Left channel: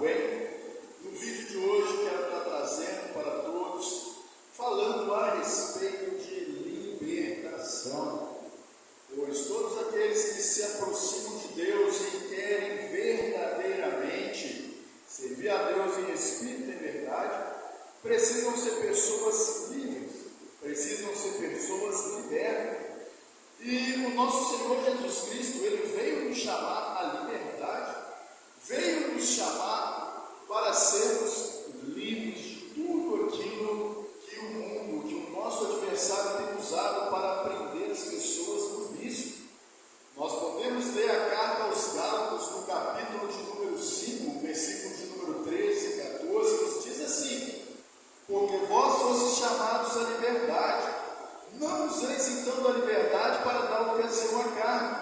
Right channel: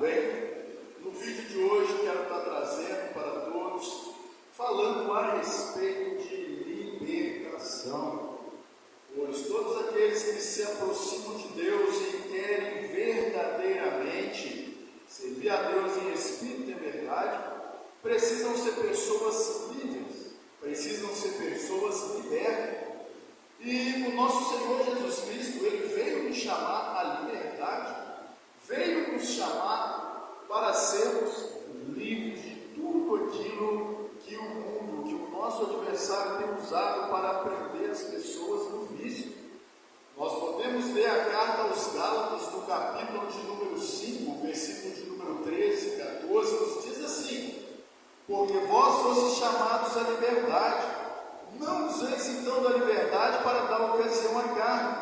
bem? No vídeo de hoje quero estar trazendo para todos, falando a respeito de libertação. Pois todos aqueles que se aproximam de Deus e querem verdadeiramente servir a Deus em espírito e em verdade, precisam ser pessoas livres, precisam ser pessoas libertas. E o nosso Senhor Jesus Cristo, Ele veio nos chamar à liberdade, veio nos chamar para sermos livres de tudo aquilo que o mundo, que o nosso adversário tem usado para prender as pessoas no vício. Nós podemos ler a carta aos Gálatas no capítulo de número 5, versículo de número 13 e 14, nos diz assim: porque vós fostes chamados à liberdade, não useis então da liberdade para dar ocasião à carne,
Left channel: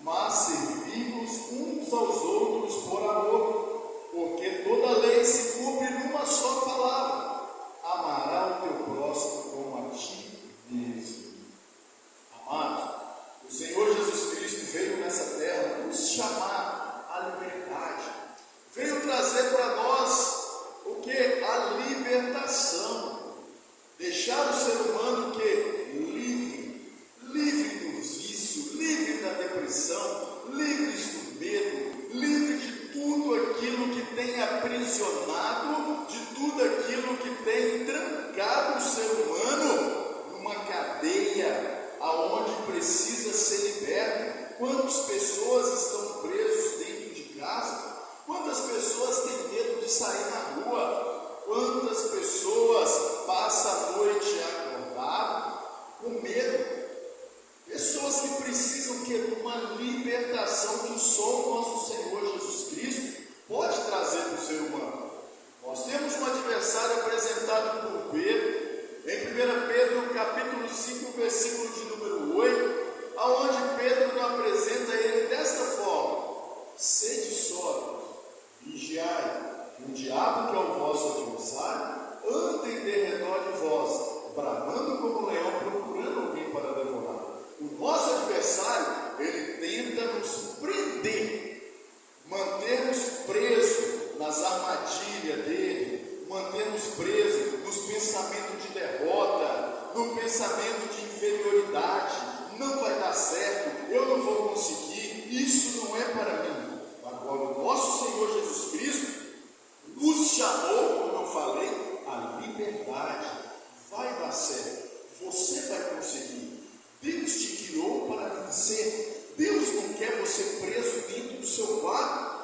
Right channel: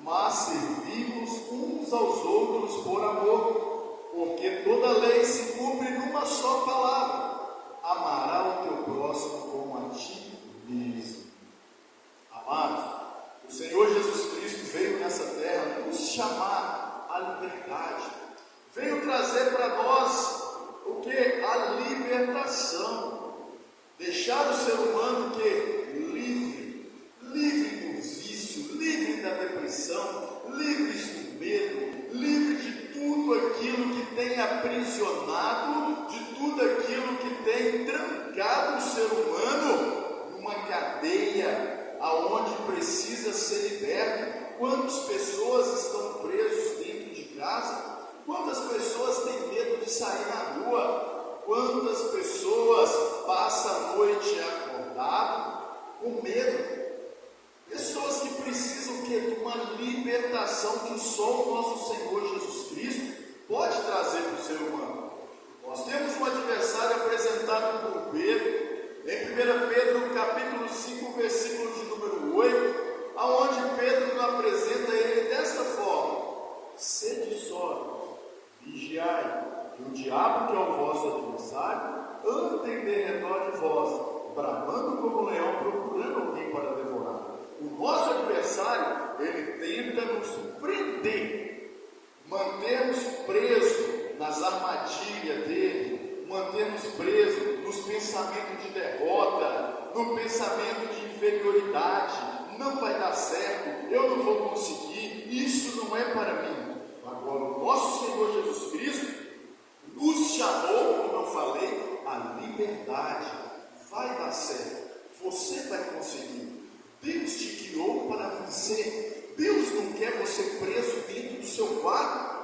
mas servi-vos uns aos outros por amor, porque toda lei se cumpre numa só palavra: amará o teu próximo como a ti mesmo. Amados, o Senhor Jesus Cristo veio nessa terra nos chamar à liberdade, veio trazer para nós o que? A libertação, deixar o ser humano que? Livre do vício, livre da depressão, livres do medo, livre de tudo aquilo que tem aprisionado, de tudo aquilo que tem trancado o ser humano numa cadeia aonde precisa ser liberto. Quantas pessoas estão presas dentro de casa? Quantas pessoas têm medo de sair na rua? Quantas pessoas passam a noite acordado com medo? Pessoas que precisam de uma libertação que só o nosso Senhor Jesus Cristo pode trazer para o ser humano. Nós temos um adversário apresentado por Pedro, em 1 Pedro capítulo 5, versículo de número 8, aonde Pedro nos apresenta ele desta forma: sede sóbrios, vigiai, que o diabo, que é o vosso adversário, anda em derredor de vós, bramando como um leão, procurando alguém para devorar. O nosso adversário, ele tenta nos prender, manter-nos presos nas armadilhas dele, manter-nos presos nos pensamentos de derrota, no pensamento de inferioridade. Não vai dar certo, eu não vou conseguir, isso não é para mim. Agora, o nosso Senhor Jesus Cristo nos chamou, como eu falei, à liberdade. Vai dar certo, você vai conseguir. Deus te criou para vencer. Deus não quer você preso dentro do seu quarto.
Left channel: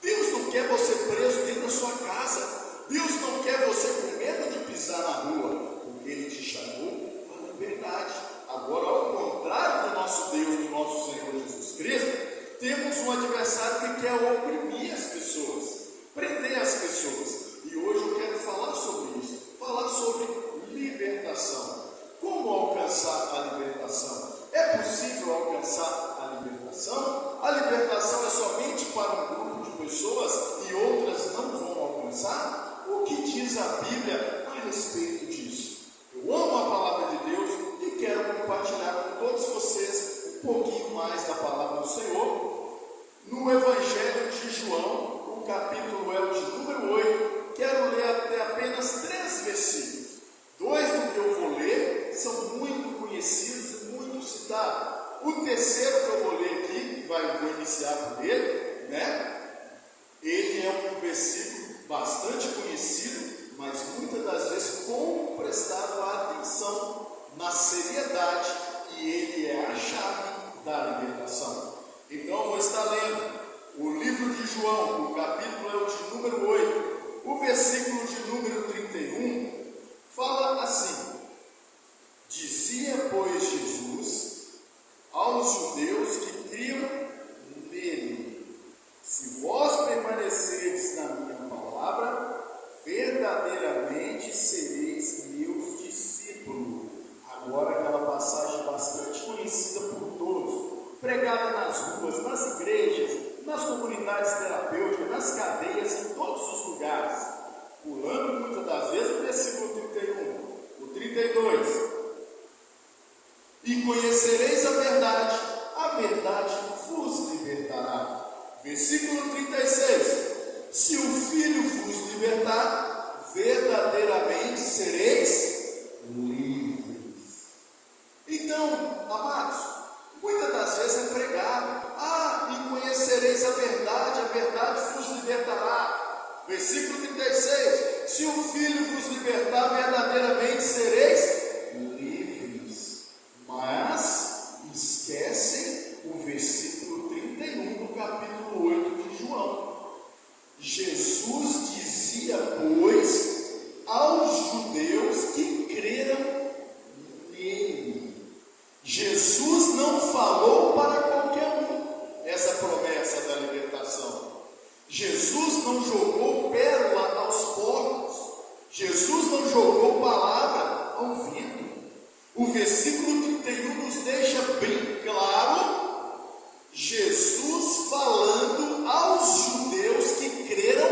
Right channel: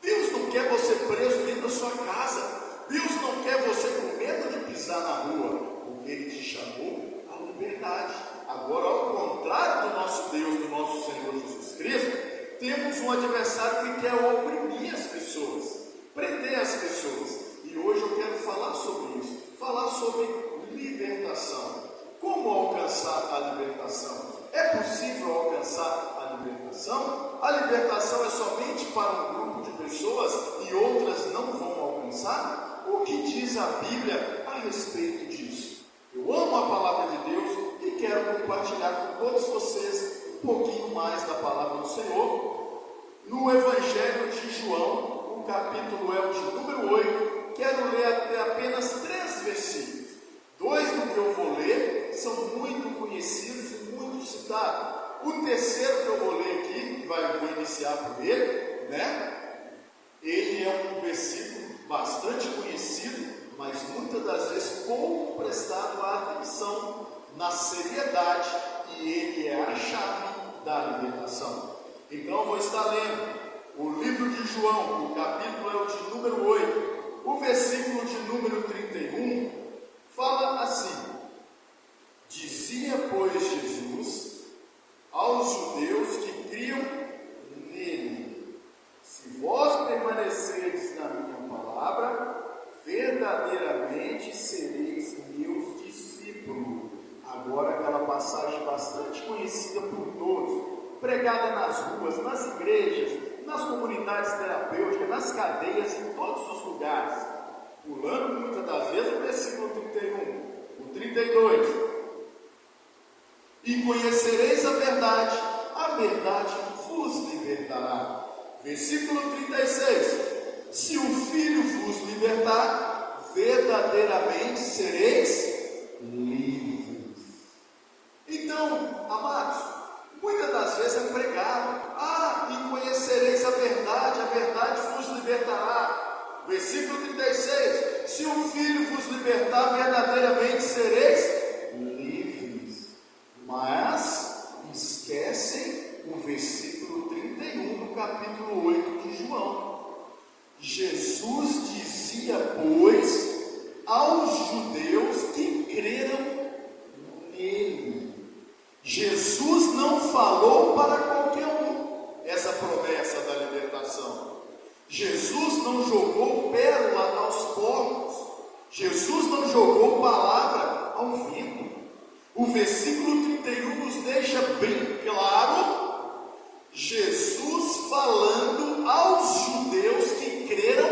Deus não quer você preso dentro da sua casa. Deus não quer você com medo de pisar na rua, porque Ele te chamou à liberdade. Agora, ao contrário do nosso Deus, do nosso Senhor Jesus Cristo, temos um adversário que quer oprimir as pessoas, prender as pessoas. E hoje eu quero falar sobre isso, falar sobre libertação. Como alcançar a libertação? É possível alcançar a libertação? A libertação é somente para um grupo de pessoas e outras não vão alcançar? O que diz a Bíblia a respeito disso? Eu amo a palavra de Deus e quero compartilhar com todos vocês um pouquinho mais da palavra do Senhor. No Evangelho de João, o capítulo é o de número 8, quero ler até apenas 3 versículos. 2 do que eu vou ler são muito conhecidos e muito citados. O terceiro que eu vou ler aqui, vou iniciar por ele, ele é um versículo bastante conhecido, mas muitas das vezes pouco prestado atenção na seriedade, e ele é a chave da libertação. Então eu vou estar lendo o livro de João, o capítulo é o de número 8, o versículo de número 31, fala assim: dizia, pois, Jesus aos judeus que criam nele: se vós permanecerdes na minha palavra, verdadeiramente sereis meus discípulos. Agora aquela passagem bastante conhecida por todos, pregada nas ruas, nas igrejas, nas comunidades terapêuticas, nas cadeias, em todos os lugares. Pulando muitas das vezes o versículo 31, o 32. E conhecereis a verdade vos libertará. Versículo 36. Se o Filho vos libertar, verdadeiramente sereis livres. Então, amados, muitas das vezes é pregado: e conhecereis a verdade vos libertará. Versículo 36, se o Filho vos libertar, verdadeiramente sereis livres. Mas esquecem o versículo 31 do capítulo 8 de João. Jesus dizia, pois, aos judeus que creram nele. Jesus não falou para qualquer um essa promessa da libertação. Jesus não jogou pérola aos porcos. Jesus não jogou palavra ao vento. O versículo 31 nos deixa bem claro, Jesus falando aos judeus que creram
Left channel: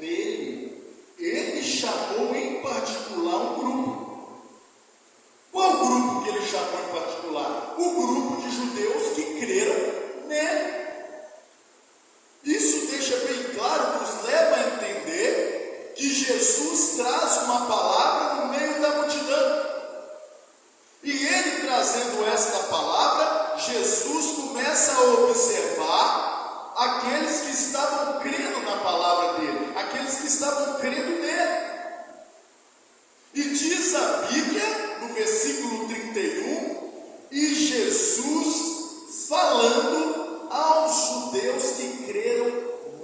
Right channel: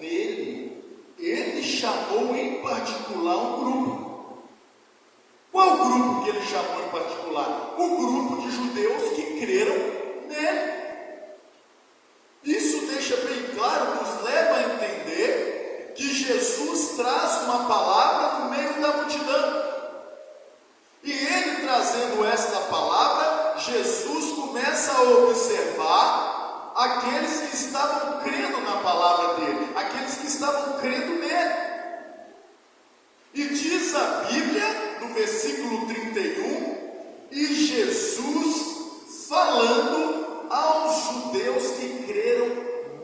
nele. Ele chamou em particular um grupo. Qual grupo que ele chamou em particular? O grupo de judeus que creram nele. Isso deixa bem claro, nos leva a entender que Jesus traz uma palavra no meio da multidão. E ele trazendo esta palavra, Jesus começa a observar aqueles que estavam crendo na palavra dele, aqueles que estavam crendo nele. E diz a Bíblia, no versículo 31, e Jesus falando aos judeus que creram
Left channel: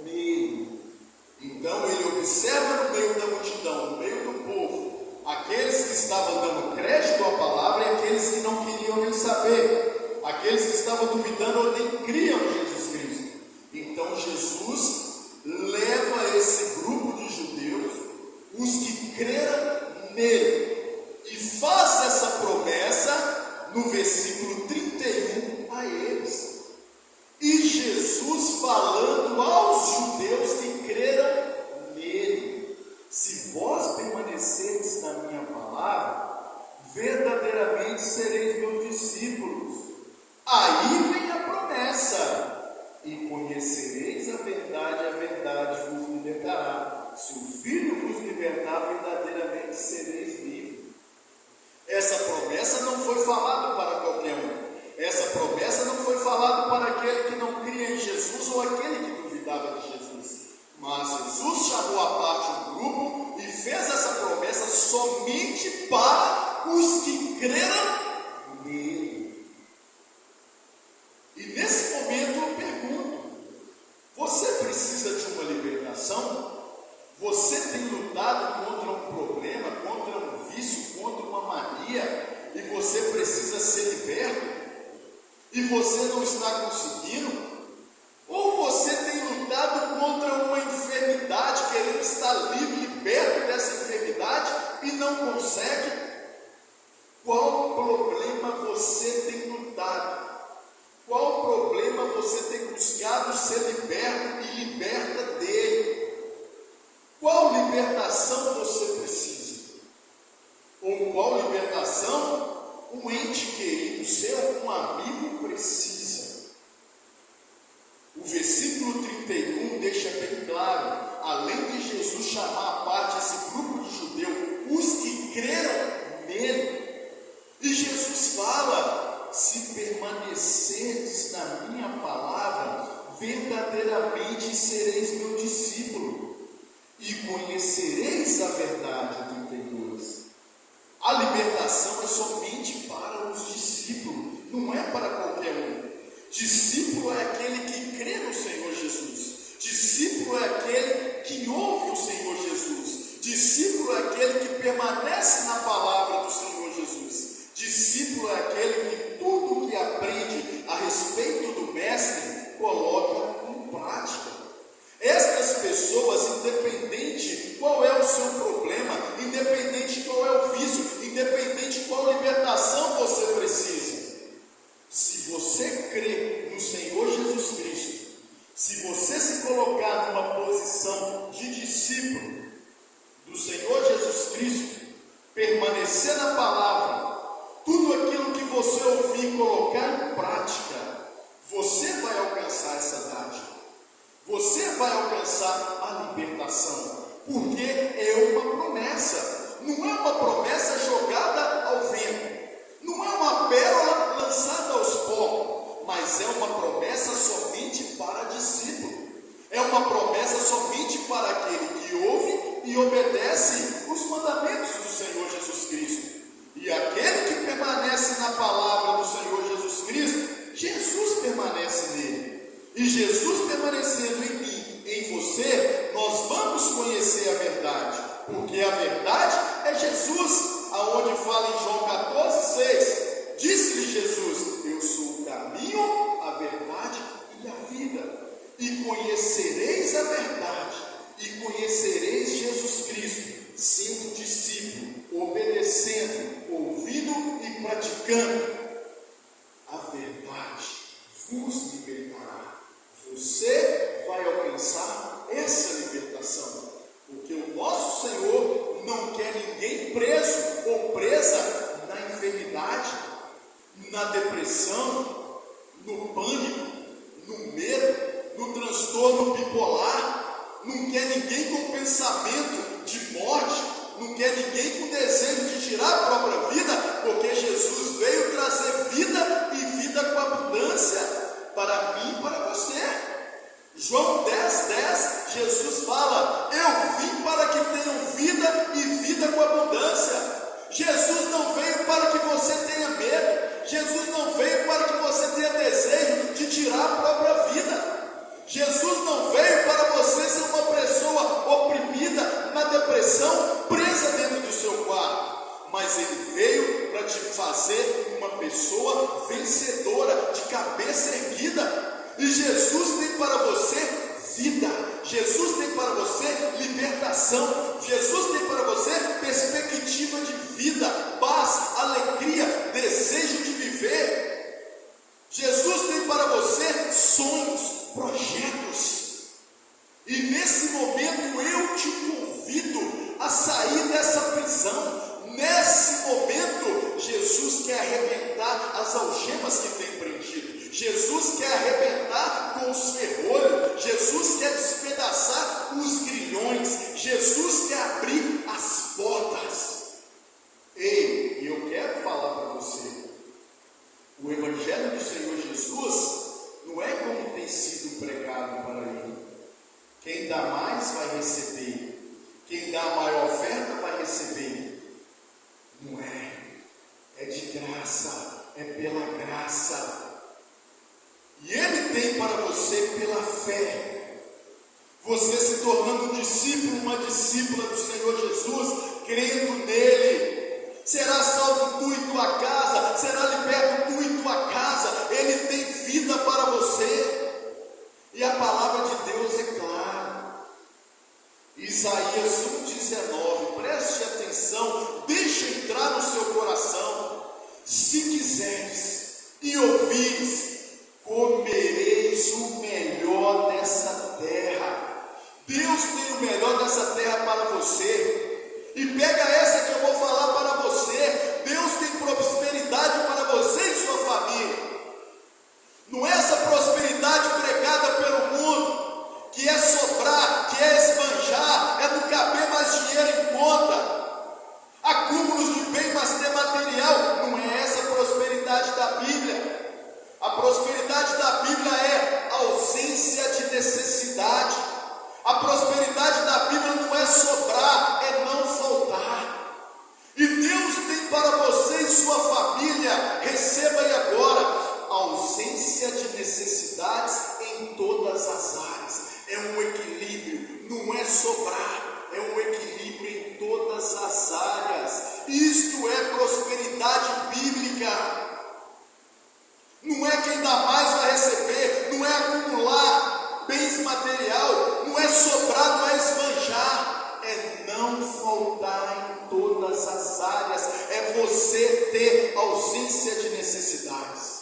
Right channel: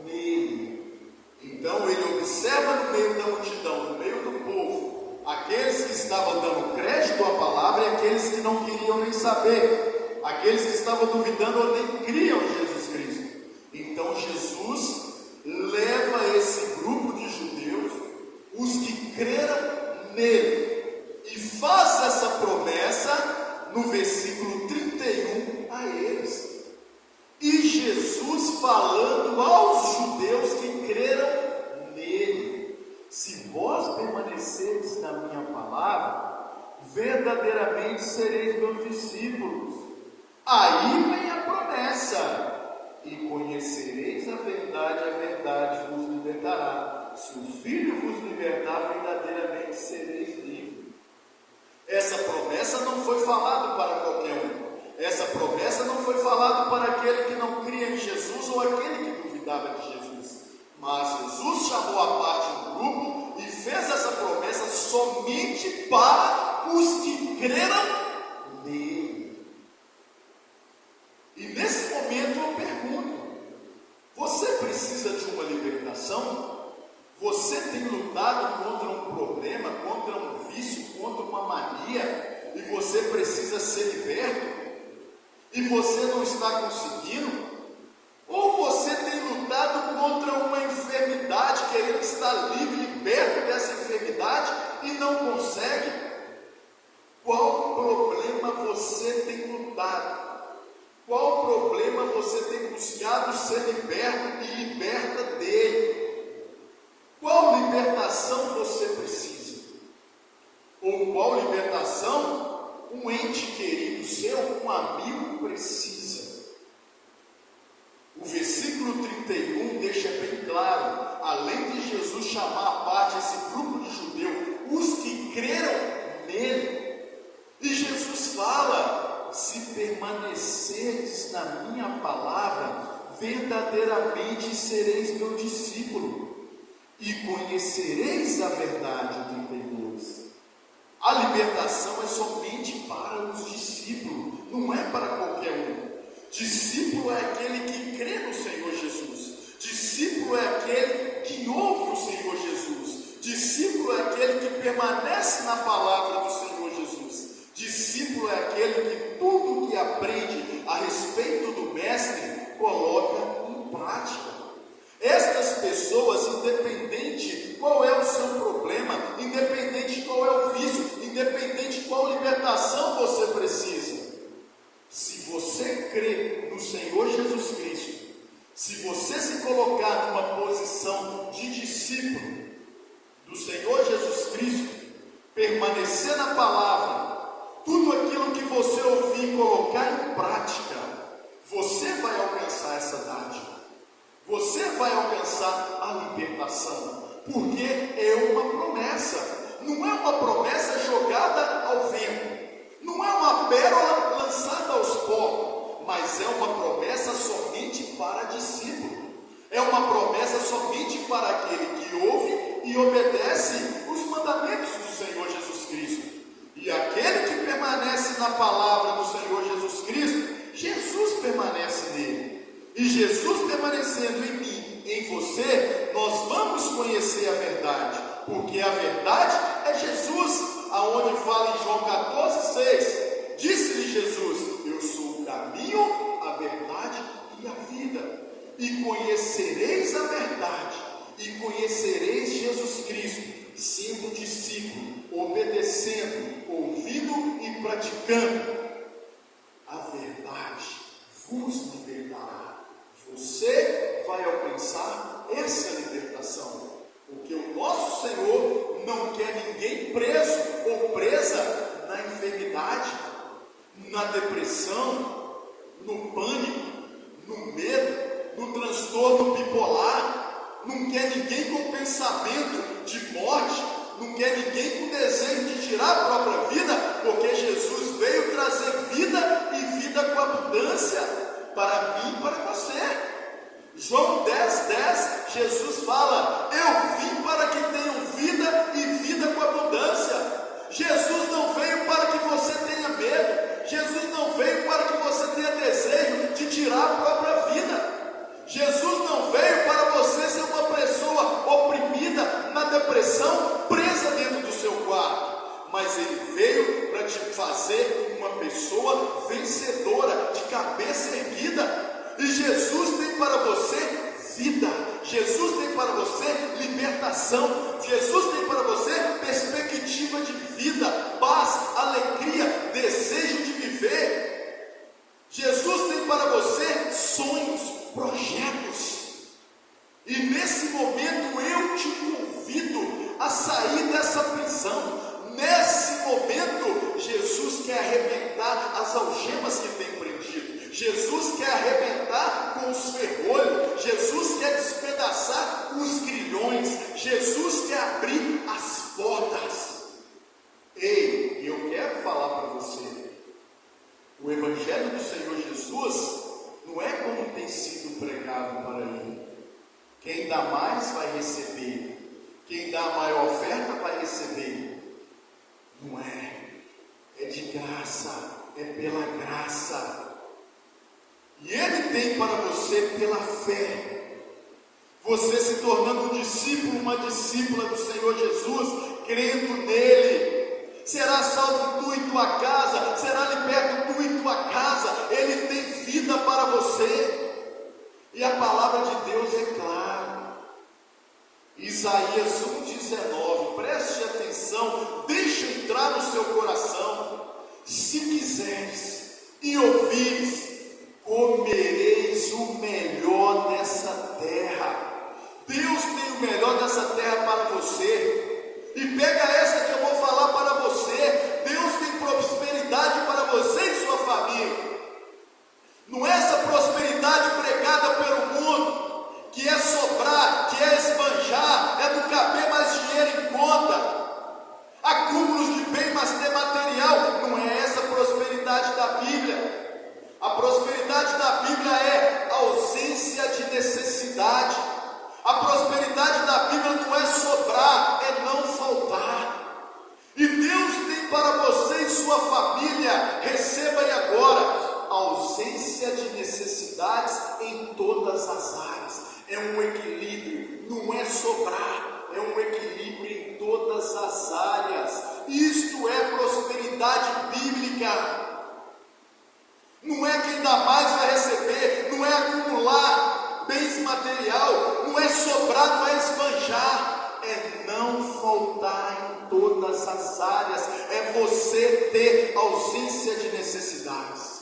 nele. Então ele observa no meio da multidão, no meio do povo, aqueles que estavam dando crédito à palavra e aqueles que não queriam nem saber, aqueles que estavam duvidando ou nem criam em Jesus Cristo. Então Jesus leva esse grupo de judeus, os que creram nele, e faz essa promessa no versículo 31 a eles. E Jesus falando aos judeus que creram nele: se vós permanecerdes na minha palavra, verdadeiramente sereis meus discípulos. Aí vem a promessa: e conhecereis a verdade vos libertará. Se o Filho vos libertar, verdadeiramente sereis livres. Essa promessa não foi falada para qualquer um. Essa promessa não foi falada para aquele que não cria em Jesus ou aquele que duvidava de Jesus. Mas Jesus chamou à parte um grupo e fez essa promessa somente para os que creram nele. E nesse momento eu pergunto: você precisa de uma libertação? Você tem lutado contra um problema, contra um vício, contra uma mania, e você precisa ser liberto? E você não está conseguindo? Ou você tem lutado contra uma enfermidade, querendo estar livre, liberto dessa enfermidade e não consegue? Qual problema você tem lutado? Qual problema você tem buscado ser liberto e liberta dele? Qual libertação você precisa? Ou qual libertação um ente querido seu, um amigo precisa? O versículo 31 deixa bem claro, além de Jesus chamar à parte esse grupo de judeus, os que creram nele, e Jesus fala: se permanecerdes na minha palavra, verdadeiramente sereis meu discípulo, e conhecereis a verdade. 32. A libertação é somente para os discípulos, não é para qualquer um. Discípulo é aquele que crê no Senhor Jesus. Discípulo é aquele que ouve o Senhor Jesus. Discípulo é aquele que permanece na palavra do Senhor Jesus. Discípulo é aquele que tudo que aprende a respeito do Mestre coloca em prática. Estas pessoas, independente qual é o seu problema, independente qual é o vício, independente qual libertação você precisa, se você crê no Senhor Jesus Cristo, se você se colocar numa posição de discípulo do Senhor Jesus Cristo, permanecer na palavra, tudo aquilo que você ouvir e colocar em prática, você vai alcançar essa dádiva. Você vai alcançar a libertação, porque é uma promessa. Não é uma promessa jogada ao vento, não é uma pérola lançada aos porcos, mas é uma promessa somente para discípulo. É uma promessa somente para aquele que ouve e obedece os mandamentos do Senhor Jesus Cristo. E aquele que permanece na palavra do Senhor Jesus Cristo, Jesus permanece nele. E Jesus permanecendo em mim, em você, nós vamos conhecer a verdade. Porque a verdade é Jesus, aonde fala em João 14,6. Disse-lhe Jesus: eu sou o caminho, a verdade e a vida. E conhecereis a verdade, e conhecereis Jesus Cristo, sendo discípulo, obedecendo, ouvindo e praticando. A verdade vos libertará. Você vai alcançar essa libertação, porque o nosso Senhor não quer ninguém preso ou presa na enfermidade, na depressão, no pânico, no medo, no transtorno bipolar. Não quer ninguém com pensamento de morte, não quer ninguém com desejo de tirar a própria vida, porque Jesus veio trazer vida e vida com abundância para mim e para você. João 10,10, Jesus fala: eu vim para que tenham vida e vida com abundância. Jesus não veio para que você tenha medo, Jesus não veio para que você tenha desejo de tirar a própria vida. Jesus não veio para você ser uma pessoa oprimida na depressão, presa dentro do seu quarto, mas Ele veio para te fazer uma pessoa vencedora, de cabeça erguida. E Jesus tem para você vida, Jesus tem para você libertação, Jesus tem para você perspectiva de vida, paz, alegria, desejo de viver. Jesus tem para você sonhos, projetos. E nesse momento eu te convido a sair dessa prisão. Nesse momento, Jesus quer arrebentar as algemas que tem prendido. Jesus quer arrebentar com os ferrolhos. Jesus quer despedaçar os grilhões. Jesus quer abrir as portas. Ei, e eu quero falar para você: o Evangelho do Senhor Jesus não é como tem sido pregado para ele. Quem dá mais vai receber. Quem dá a maior oferta vai receber. Não é. É de graça. É pela graça. E Ele tem para você pela fé. Você se tornando um discípulo, uma discípula do Senhor Jesus, crendo nele, será salvo tu e tua casa, será liberto tu e tua casa. Ele tem vida para você. E a palavra de Deus é clara. Isaías 1,19, preste atenção, deixa entrar no seu coração. Se quiseres e ouvires, comereis o melhor dessa terra. Deus tem o melhor dessa terra para você. E pega essa que eu vou falar para você. Deus tem prosperidade para você e sua família. Não é essa prosperidade pregada pelo mundo, que é sobrar, que é esbanjar, é não caber mais dinheiro em conta, acúmulos de bem, mas ter material. Não é essa a prosperidade da Bíblia. A prosperidade da Bíblia é ausência de necessidade. A prosperidade da Bíblia não é sobrar, é não faltar. E Deus tem para você e sua família, receba aí agora, ausência de necessidades em todas as áreas. É um equilíbrio, não é sobrar, é um equilíbrio em todas as áreas. Isto é prosperidade bíblica. Não é quem dá mais vai receber, não é acumular bens material, não é sobrar, não é esbanjar, é não faltar em todas as áreas, é você ter ausência de necessidades.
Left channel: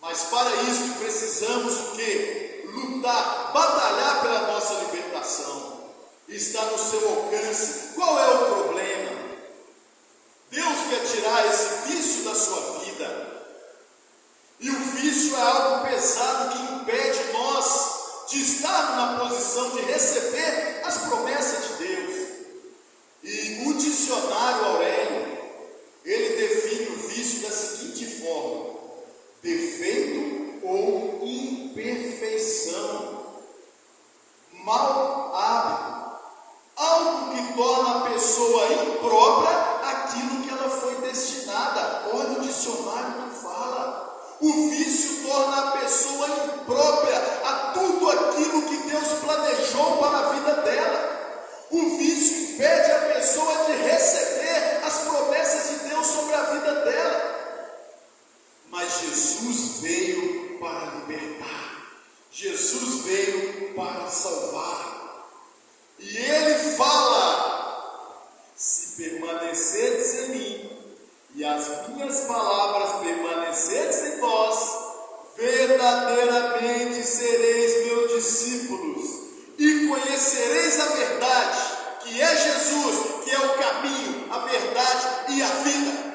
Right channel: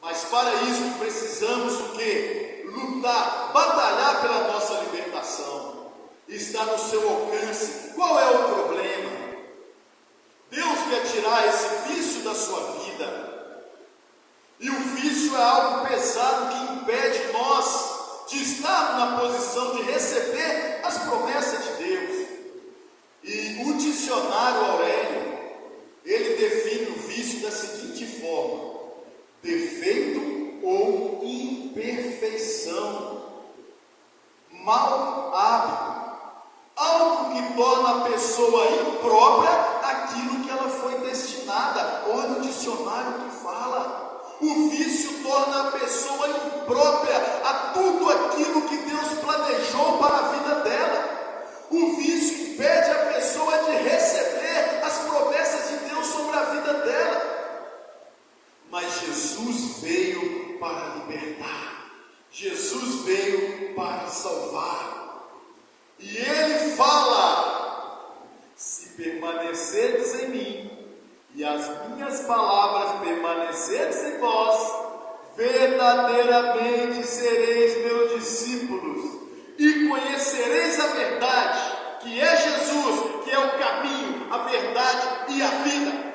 Mas para isso precisamos o quê? Lutar, batalhar pela nossa libertação. Está no seu alcance. Qual é o problema? Deus quer tirar esse vício da sua vida. E o vício é algo pesado que impede nós de estar na posição de receber as promessas de Deus. E o dicionário Aurélio, ele define o vício da seguinte forma: defeito ou imperfeição, mau hábito, algo que torna a pessoa imprópria aquilo que ela foi destinada. Olha o dicionário que fala. O vício torna a pessoa imprópria a tudo aquilo que Deus planejou para a vida dela. O vício impede a pessoa de receber as promessas de Deus sobre a vida dela. Mas Jesus veio para libertar. Jesus veio para salvar. E Ele fala: se permanecerdes em mim, e as minhas palavras permanecerdes em vós, verdadeiramente sereis meus discípulos, e conhecereis a verdade, que é Jesus, que é o caminho, a verdade e a vida.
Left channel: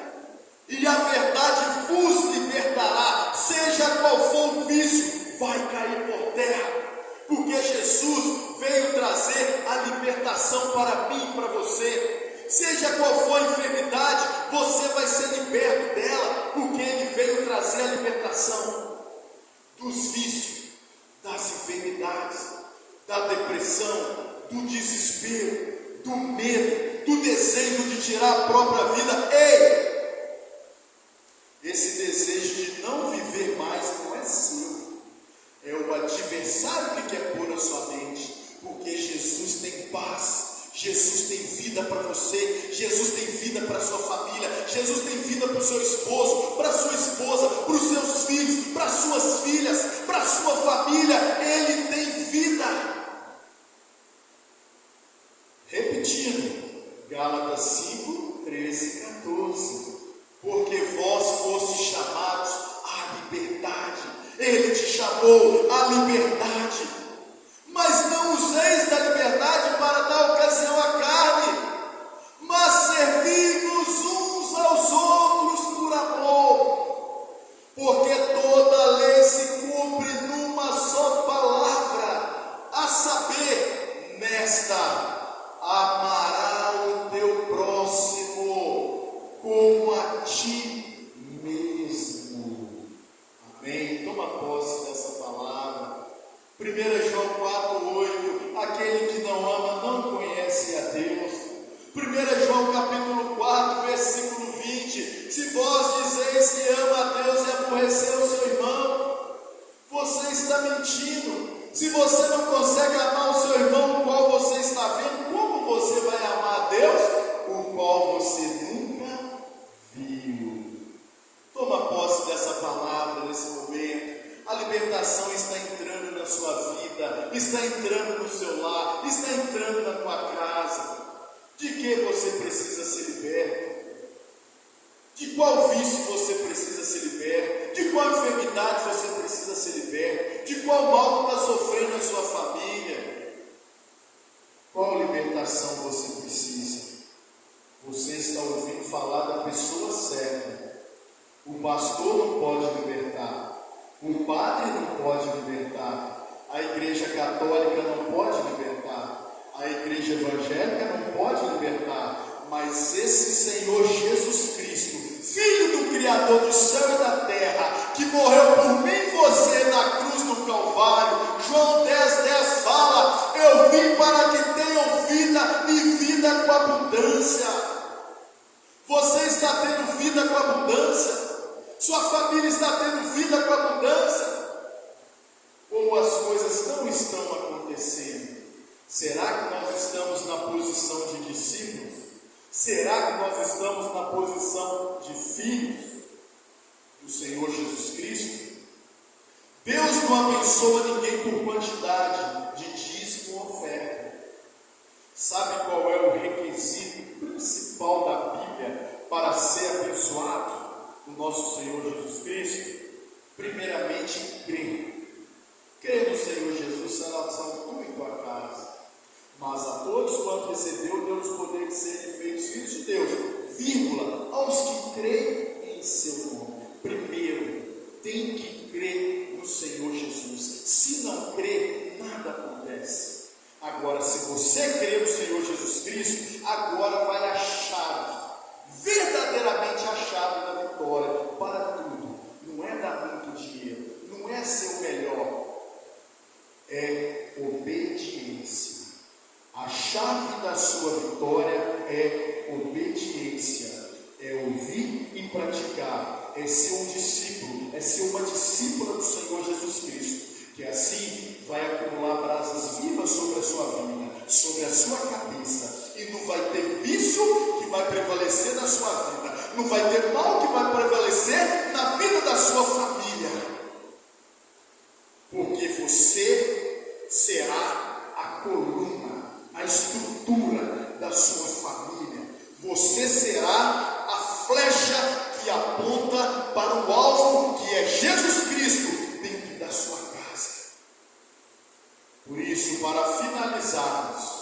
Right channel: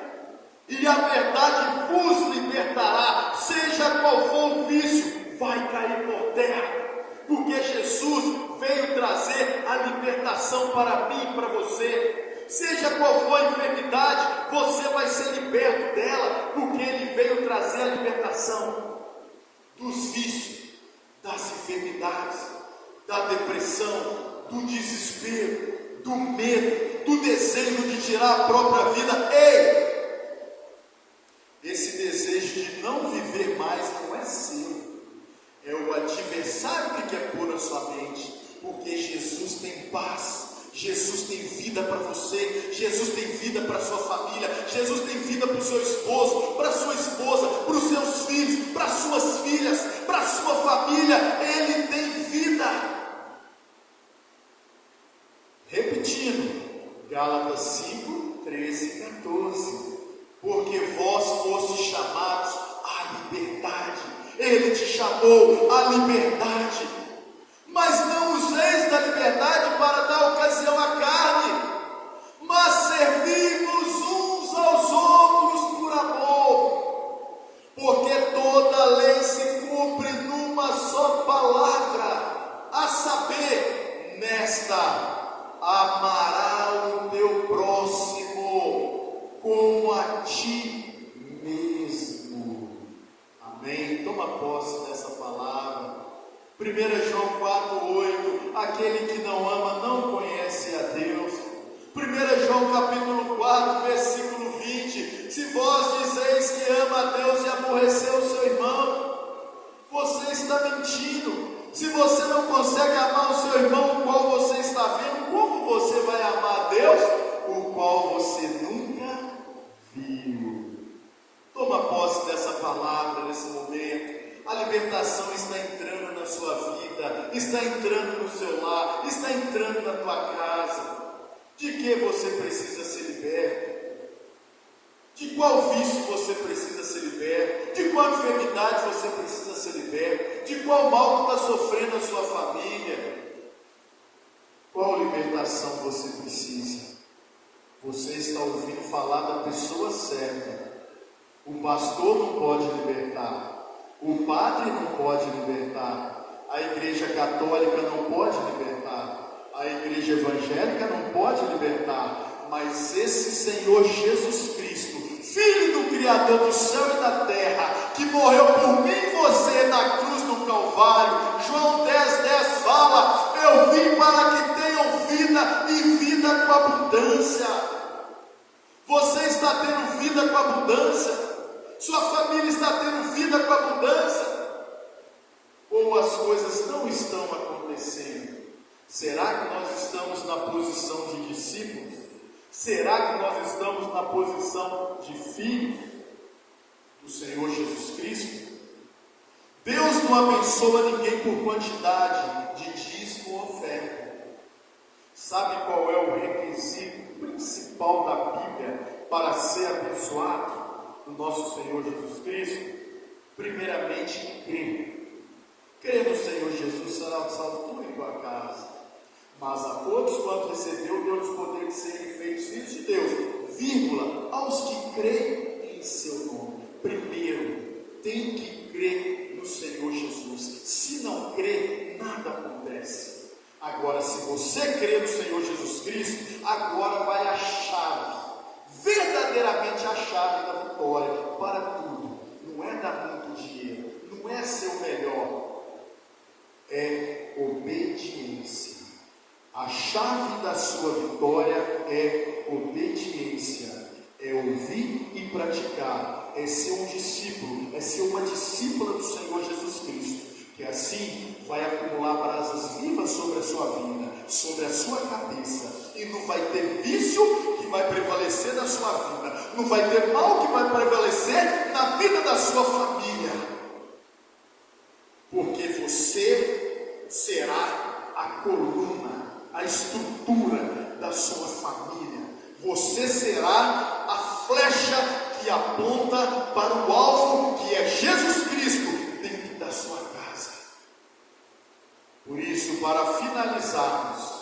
E a verdade vos libertará, seja qual for o vício, vai cair por terra, porque Jesus veio trazer a libertação para mim e para você. Seja qual for a enfermidade, você vai ser liberto dela, porque Ele veio trazer a libertação dos vícios, das enfermidades, da depressão, do desespero, do medo, do desejo de tirar a própria vida. Ei! Esse desejo de não viver mais não é seu, é o adversário que quer pôr na sua mente, porque Jesus tem paz. Jesus tem vida para você, Jesus tem vida para a sua família, Jesus tem vida para o seu esposo, para a sua esposa, para os seus filhos, para as suas filhas, para a sua família. Ele tem vida. Repetindo, Gálatas 5, 13 e 14: porque vós fostes chamados à liberdade. Ele te chamou à liberdade, mas não useis da liberdade para dar ocasião à carne, mas servi-vos uns aos outros por amor, porque toda a lei se cumpre numa só palavra, a saber, nesta: amarás o teu próximo como a ti mesmo. Amém? Toma posse dessa palavra. 1 João 4,8: aquele que não ama não conhece a Deus. 1 João capítulo 4, versículo 20: se vós dizeis que ama a Deus e aborreceu o seu irmão, você está mentindo. Se você não consegue amar o seu irmão, o qual você está vendo, como você vai amar a Deus, o qual você nunca viu? Toma posse dessa palavra nesse momento. A libertação está entrando na sua vida, está entrando no seu lar, está entrando na tua casa. De que você precisa ser liberto? De qual vício você precisa ser liberto? De qual enfermidade você precisa ser liberto? De qual mal que está sofrendo a sua família? Qual libertação você precisa? Você está ouvindo falar da pessoa certa. O pastor não pode libertar. O padre não pode libertar, a igreja católica não pode libertar, a igreja evangélica não pode libertar, mas esse Senhor Jesus Cristo, Filho do Criador do céu e da terra, que morreu por mim e você na cruz do Calvário, João 10,10 fala: eu vim para que tenham vida e vida com abundância. Você está tendo vida com abundância? Sua família está tendo vida com abundância? Ou as coisas não estão acontecendo? Será que nós estamos na posição de discípulos? Será que nós estamos na posição de filhos do Senhor Jesus Cristo? Deus não abençoa ninguém por quantidade de dízimo ou oferta. Sabe qual é o requisito principal da Bíblia para ser abençoado do nosso Senhor Jesus Cristo? Primeiramente, crer. Crer no Senhor Jesus será salvo tu e tua casa. Mas a todos quanto recebeu, deu-lhes poder de serem feitos filhos de Deus, vírgula, aos que creem em seu nome. Primeiro, tem que crer no Senhor Jesus. Se não crer, nada acontece. Agora, se você crê no Senhor Jesus Cristo, agora vai a chave, verdadeiramente a chave da vitória para tudo. Não é dar muito dinheiro, não é ser o melhor, é obediência. A chave da sua vitória é obediência, é ouvir e praticar, é ser um discípulo, é ser uma discípula do Senhor Jesus Cristo, que assim vai acumular brasas vivas sobre a sua vida, sobre a sua cabeça, e não vai ter vício que vai prevalecer na sua vida, não vai ter mal que vai prevalecer na vida da sua família, porque você será a coluna, a estrutura da sua família. Você será a flecha que aponta para o alvo, que é Jesus Cristo, dentro da sua casa. Por isso, para finalizarmos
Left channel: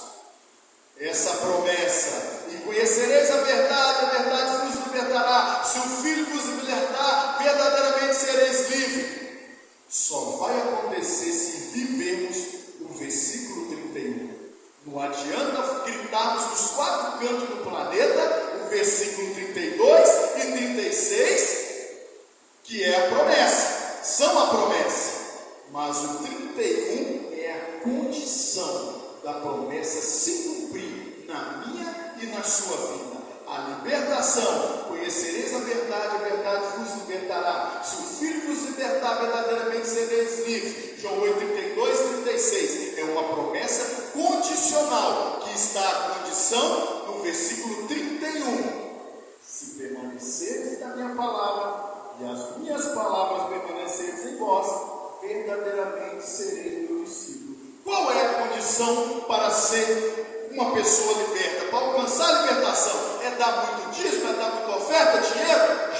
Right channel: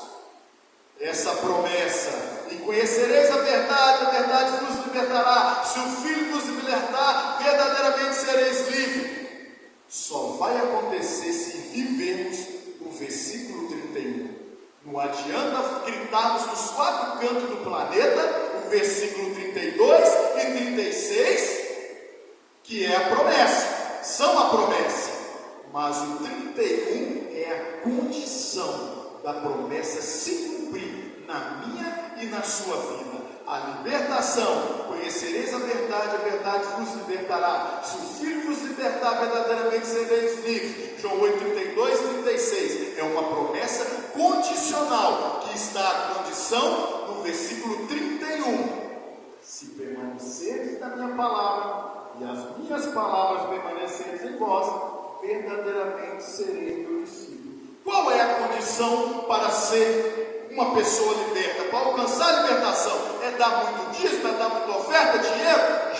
essa promessa, e conhecereis a verdade vos libertará, se o Filho vos libertar, verdadeiramente sereis livres. Só vai acontecer se vivermos o versículo 31. Não adianta gritarmos dos quatro cantos do planeta o versículo 32 e 36, que é a promessa, são a promessa, mas o 31 é a condição da promessa se cumprir na minha e na sua vida. A libertação, conhecereis a verdade vos libertará. Se o Filho vos libertar, verdadeiramente sereis livres. João 8, 32, 36. É uma promessa condicional, que está a condição no versículo 31. Se permaneceres na minha palavra, e as minhas palavras permanecerem em vós, verdadeiramente sereis meu discípulo. Qual é a condição para ser uma pessoa liberta, para alcançar a libertação? É dar muito dízimo, é dar muita oferta, dinheiro?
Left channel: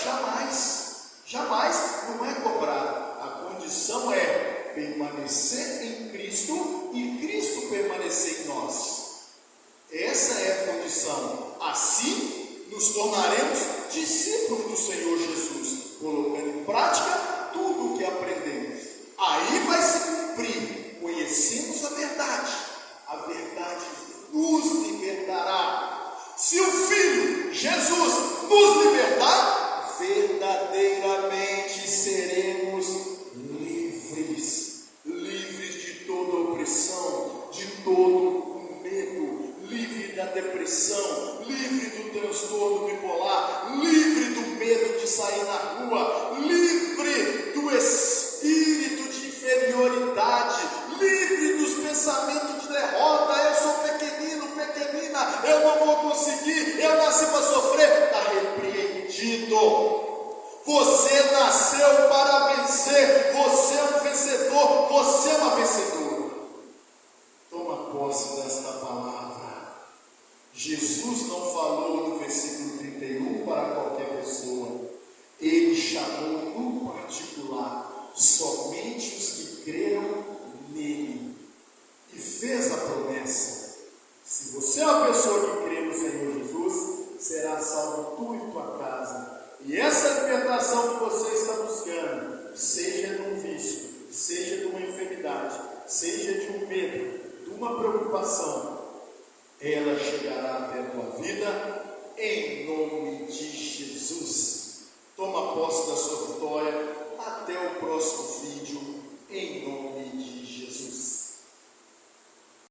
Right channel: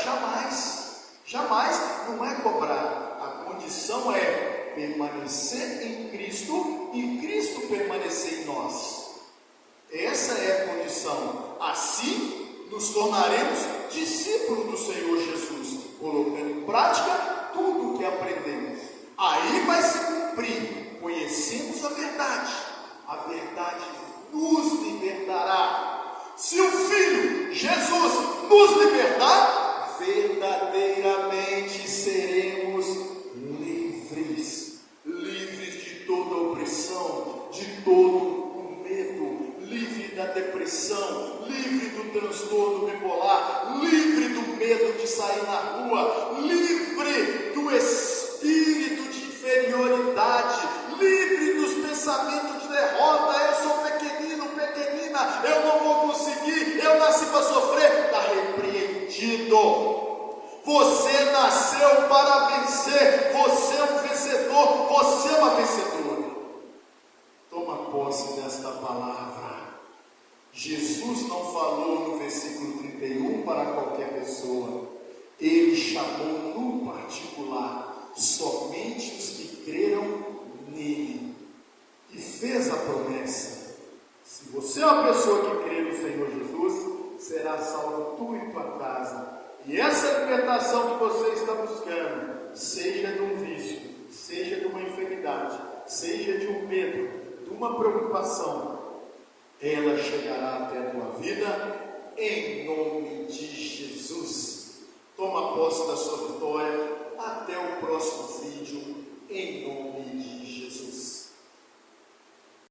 Jamais, não é cobrar. A condição é permanecer em Cristo e Cristo permanecer em nós. Essa é a condição. Assim, nos tornaremos discípulos do Senhor Jesus, colocando em prática tudo o que aprendemos. Aí vai se cumprir. Conhecemos a verdade nos libertará. Se o Filho, Jesus, nos libertar, verdadeiramente seremos livres de toda opressão, de todo o medo, livre da depressão, livre do transtorno bipolar, livre do medo de sair na rua, livre do espírito de inferioridade, livre dos pensamentos de derrota. Eu sou pequenino, pequenina, eu não vou conseguir, eu nasci para sofrer. Está repreendido. Você nasceu para vencer, você é um vencedor, você é uma vencedora. Toma posse desta palavra. Jesus não falou no versículo 31 para qualquer pessoa, ele chamou no particular somente os que creram nele, e fez a promessa: se você é uma pessoa que crê no Senhor Jesus, será salvo tu e tua casa. E essa libertação que você está buscando, seja de um vício, seja de uma enfermidade, seja de um medo, de uma preocupação, ela chegará até a tua vida, em nome de Jesus. Toma posse da sua vitória. Até o próximo vídeo, em nome de Jesus.